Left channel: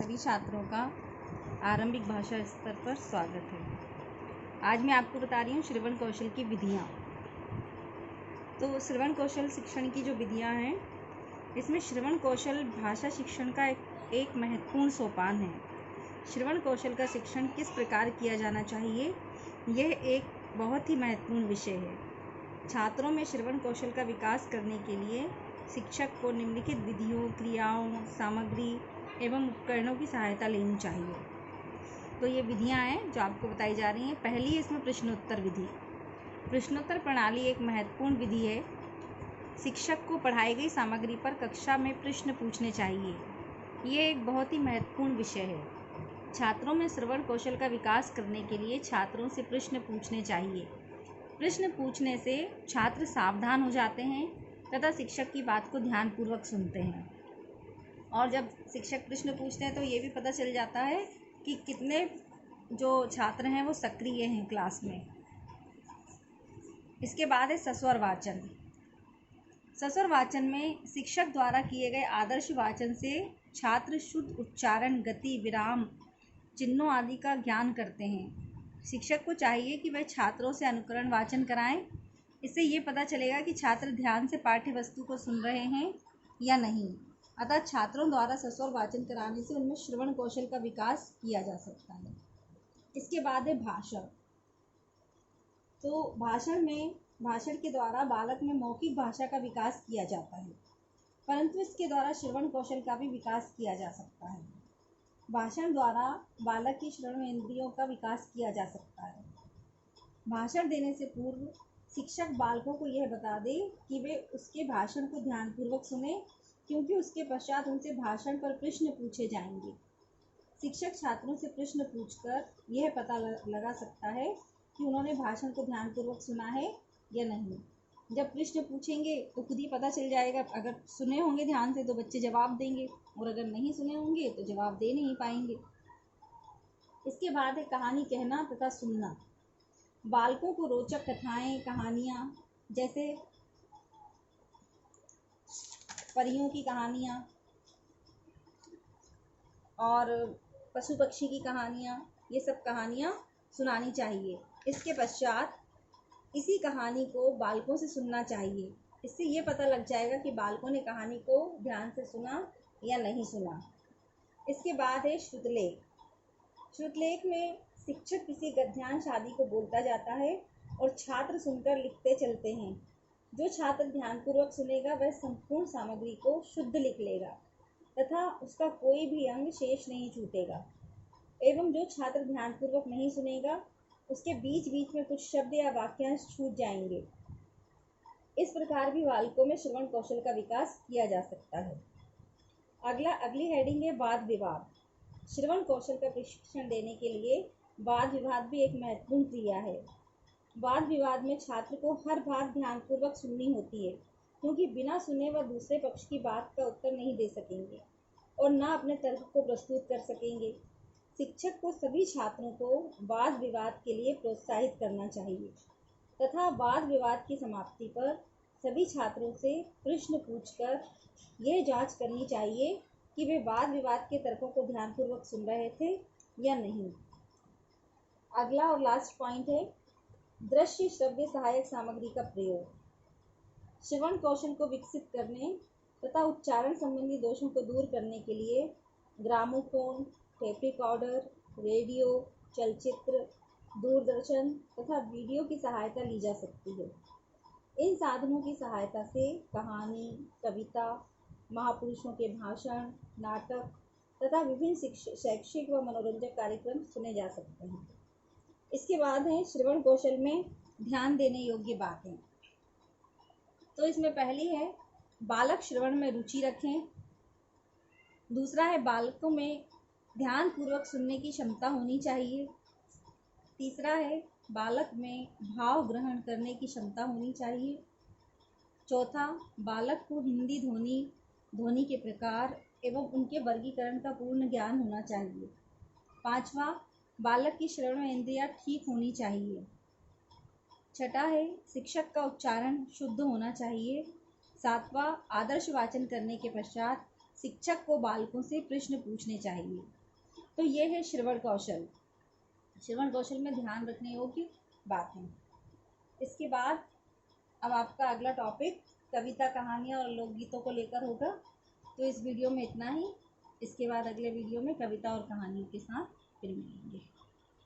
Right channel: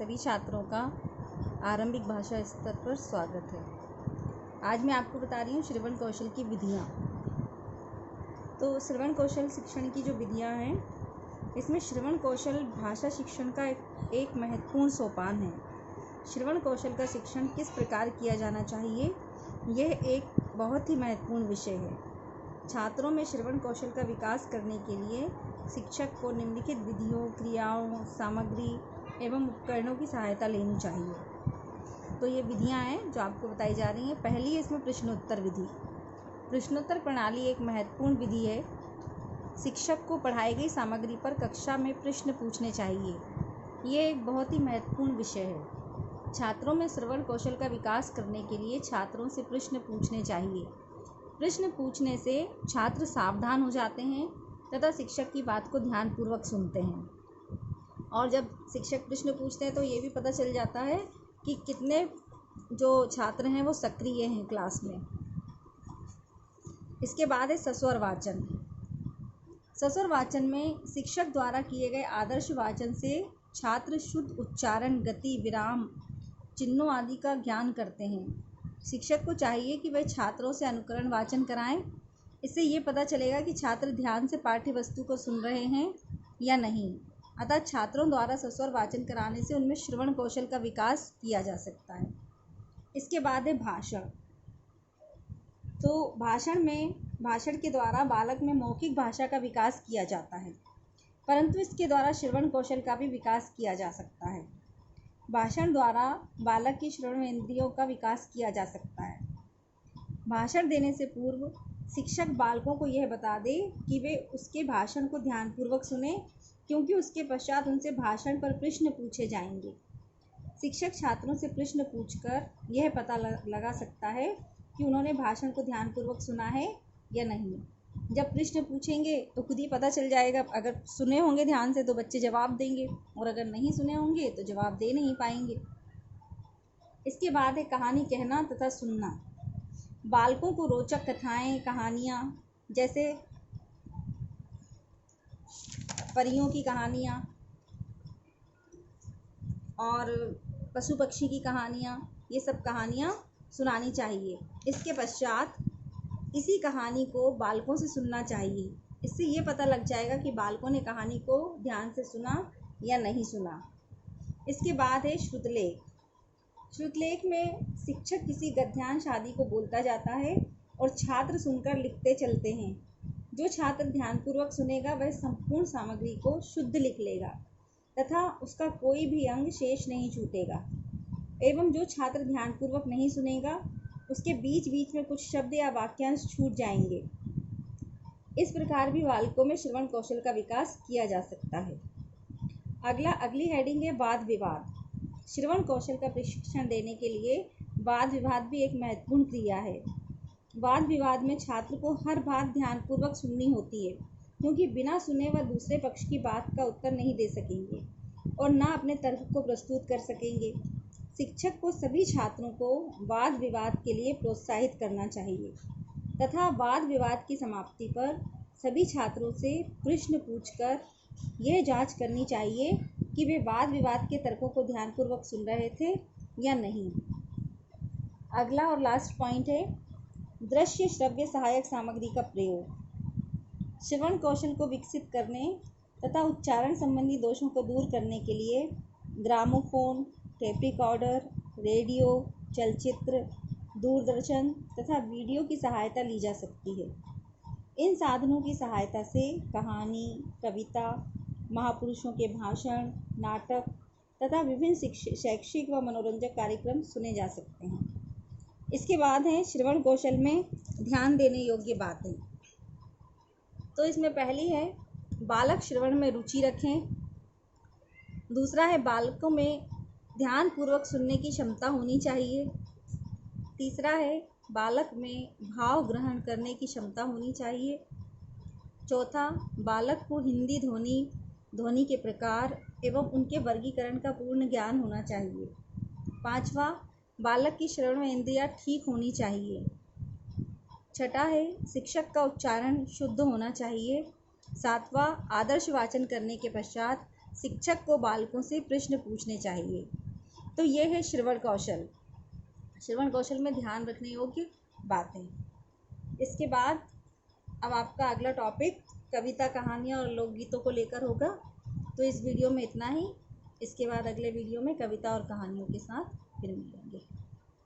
सभी छात्रों का आरंभिक भाषा स्तर पर स्वागत है। आज मैं आपको बता रही हूँ श्रवण कौशल की विधियाँ। तो श्रवण कौशल शिक्षण की जो विधियाँ हैं, इसमें श्रवण कौशल भाषा शिक्षण का एक महत्वपूर्ण सोपान है। श्रवण कौशल का शिक्षण किस प्रकार किया जाना चाहिए, यह एक बहुत ही महत्वपूर्ण विषय है। छात्रों में श्रवण कौशल का विकास करने के लिए शिक्षक को निम्नलिखित विधियों, क्रियाओं, सामग्री एवं उपकरणों की सहायता लेनी चाहिए। तो ये विधियाँ हैं जो आपको बताई जा रही हैं। पहली है इसमें प्रश्नोत्तर विधि। प्रश्नोत्तर प्रणाली एक महत्वपूर्ण विधि है। शिक्षक को पढ़ाई गई सामग्री पर कक्षा में प्रश्न पूछने चाहिए। ये एक बहुत ही महत्वपूर्ण विषय है। छात्रों में श्रवण कौशल का विकास करने के लिए छात्रों से प्रश्न पूछने चाहिए। प्रश्न पूछने से छात्र सावधान हो जाते हैं तथा शिक्षक की बात को ध्यानपूर्वक सुनते हैं। और जब शिक्षक प्रश्न पूछते हैं तो ये भी पता चल जाता है कि कितने जो छात्र हैं वो सक्रिय हैं क्लास में। इसके बाद है सस्वर वाचन। सस्वर वाचन में शिक्षक द्वारा किए गए आदर्श वाचन से छात्र शुद्ध उच्चारण, गति, विराम, चिन्हों आदि का ज्ञान करते हैं। शिक्षक को चाहिए कि वह छात्रों से अनुकरण वाचन कराएं। इससे ये पता चलेगा कि छात्र ध्यान से पाठ्य वस्तु को सुन रहे हैं या नहीं। अतः छात्रों द्वारा सस्वर वाचन कराने से उनमें श्रवण कौशल का विकास किया जा सकता है। इसके बाद है भाषण। तो भाषण के द्वारा बालक में मौखिक भाषा का विकास किया जाता है, परंतु इसके द्वारा श्रवण कौशल का भी विकास किया जा सकता है। भाषण द्वारा बालक की श्रवण इंद्रियों का विकास किया जा सकता है। भाषण देने से पूर्व शिक्षक बालकों को यह बता दे कि वे उसके भाषण को ध्यानपूर्वक सुने, क्योंकि उसके पश्चात उनसे भाषण पर प्रश्न पूछे जाएंगे। शिक्षक छात्रों से प्रश्न पूछकर यह पता लगा सकता है कि उन्होंने भाषण को ध्यानपूर्वक सुना है या नहीं। जब प्रश्न पूछेंगे तो खुद ही पता चल जाएगा। अगर सुने होंगे ध्यान से तो बच्चे जवाब देंगे, और अगर नहीं सुने होंगे तो जवाब दे नहीं पाएंगे। इसके बाद है कहानी कहना तथा सुनना। बालकों को रोचक कथाएं, कहानियाँ, जैसे परियों की कहानियाँ और पशु पक्षी की कहानियाँ, ये सब कहानियाँ सुनानी चाहिए। इसके पश्चात इसी कहानी को बालकों से सुनना चाहिए। इससे ये पता लग जाएगा कि बालकों ने कहानी को ध्यान से सुना या नहीं सुना। इसके बाद है श्रुतलेख। श्रुतलेख में शिक्षक किसी गद्यांश आदि को बोलता जाता है और छात्र सुनकर लिखते चलते हैं। जो छात्र ध्यानपूर्वक सुनेगा वह संपूर्ण सामग्री को शुद्ध लिख लेगा तथा उसका कोई भी अंग शेष नहीं छूटेगा। एवं जो छात्र ध्यानपूर्वक नहीं सुनेगा उसके बीच बीच में कुछ शब्द या वाक्यांश छूट जाएंगे। इस प्रकार भी बालकों में श्रवण कौशल का विकास किया जा सकता है। अगली हेडिंग है वाद विवाद। श्रवण कौशल का प्रशिक्षण देने के लिए वाद विवाद भी एक महत्वपूर्ण क्रिया है। वाद विवाद में छात्र को हर बात ध्यानपूर्वक सुननी होती है, क्योंकि बिना सुने वह दूसरे पक्ष की बात का उत्तर नहीं दे सकेंगे और न अपने तर्क को प्रस्तुत कर सकेंगे। शिक्षक को सभी छात्रों को वाद विवाद के लिए प्रोत्साहित करना चाहिए तथा वाद विवाद की समाप्ति पर सभी छात्रों से प्रश्न पूछकर यह जांच करनी चाहिए कि वे वाद विवाद के तर्कों को ध्यानपूर्वक सुन रहे थे या नहीं। अगला और लास्ट पॉइंट है दृश्य श्रव्य सहायक सामग्री का प्रयोग। श्रवण कौशल को विकसित करने तथा उच्चारण संबंधी दोषों को दूर करने के लिए ग्रामोफोन, टेप रिकॉर्डर, रेडियो, चलचित्र, दूरदर्शन तथा वीडियो की सहायता ली जा सकती है। इन साधनों की सहायता से कहानी, कविता, महापुरुषों के भाषण, नाटक तथा विभिन्न शैक्षिक व मनोरंजक कार्यक्रम सुने जा सकते हैं। इसके बाद हैं श्रवण कौशल में ध्यान देने योग्य बातें। तो इसमें पहली है बालक श्रवण में रुचि रखें। दूसरा है बालकों में ध्यानपूर्वक सुनने की क्षमता होनी चाहिए। तीसरा है बालक में भाव ग्रहण करने की क्षमता होनी चाहिए। चौथा, बालक को हिंदी ध्वनि के प्रकार एवं उनके वर्गीकरण का पूर्ण ज्ञान होना चाहिए। पांचवा, बालक की श्रवण इंद्रियां ठीक होनी चाहिए। छठा है शिक्षक का उच्चारण शुद्ध होना चाहिए। सातवां, आदर्श वाचन करने के पश्चात शिक्षक को बालकों से प्रश्न पूछने चाहिए। तो ये है श्रवण कौशल। श्रवण कौशल में ध्यान रखने योग्य बातें। इसके बाद अब आपका अगला टॉपिक कविता, कहानियाँ और लोकगीतों को लेकर होगा। तो इस वीडियो में इतना ही। इसके बाद अगले वीडियो में कविता और कहानियों के साथ फिर मिलेंगे।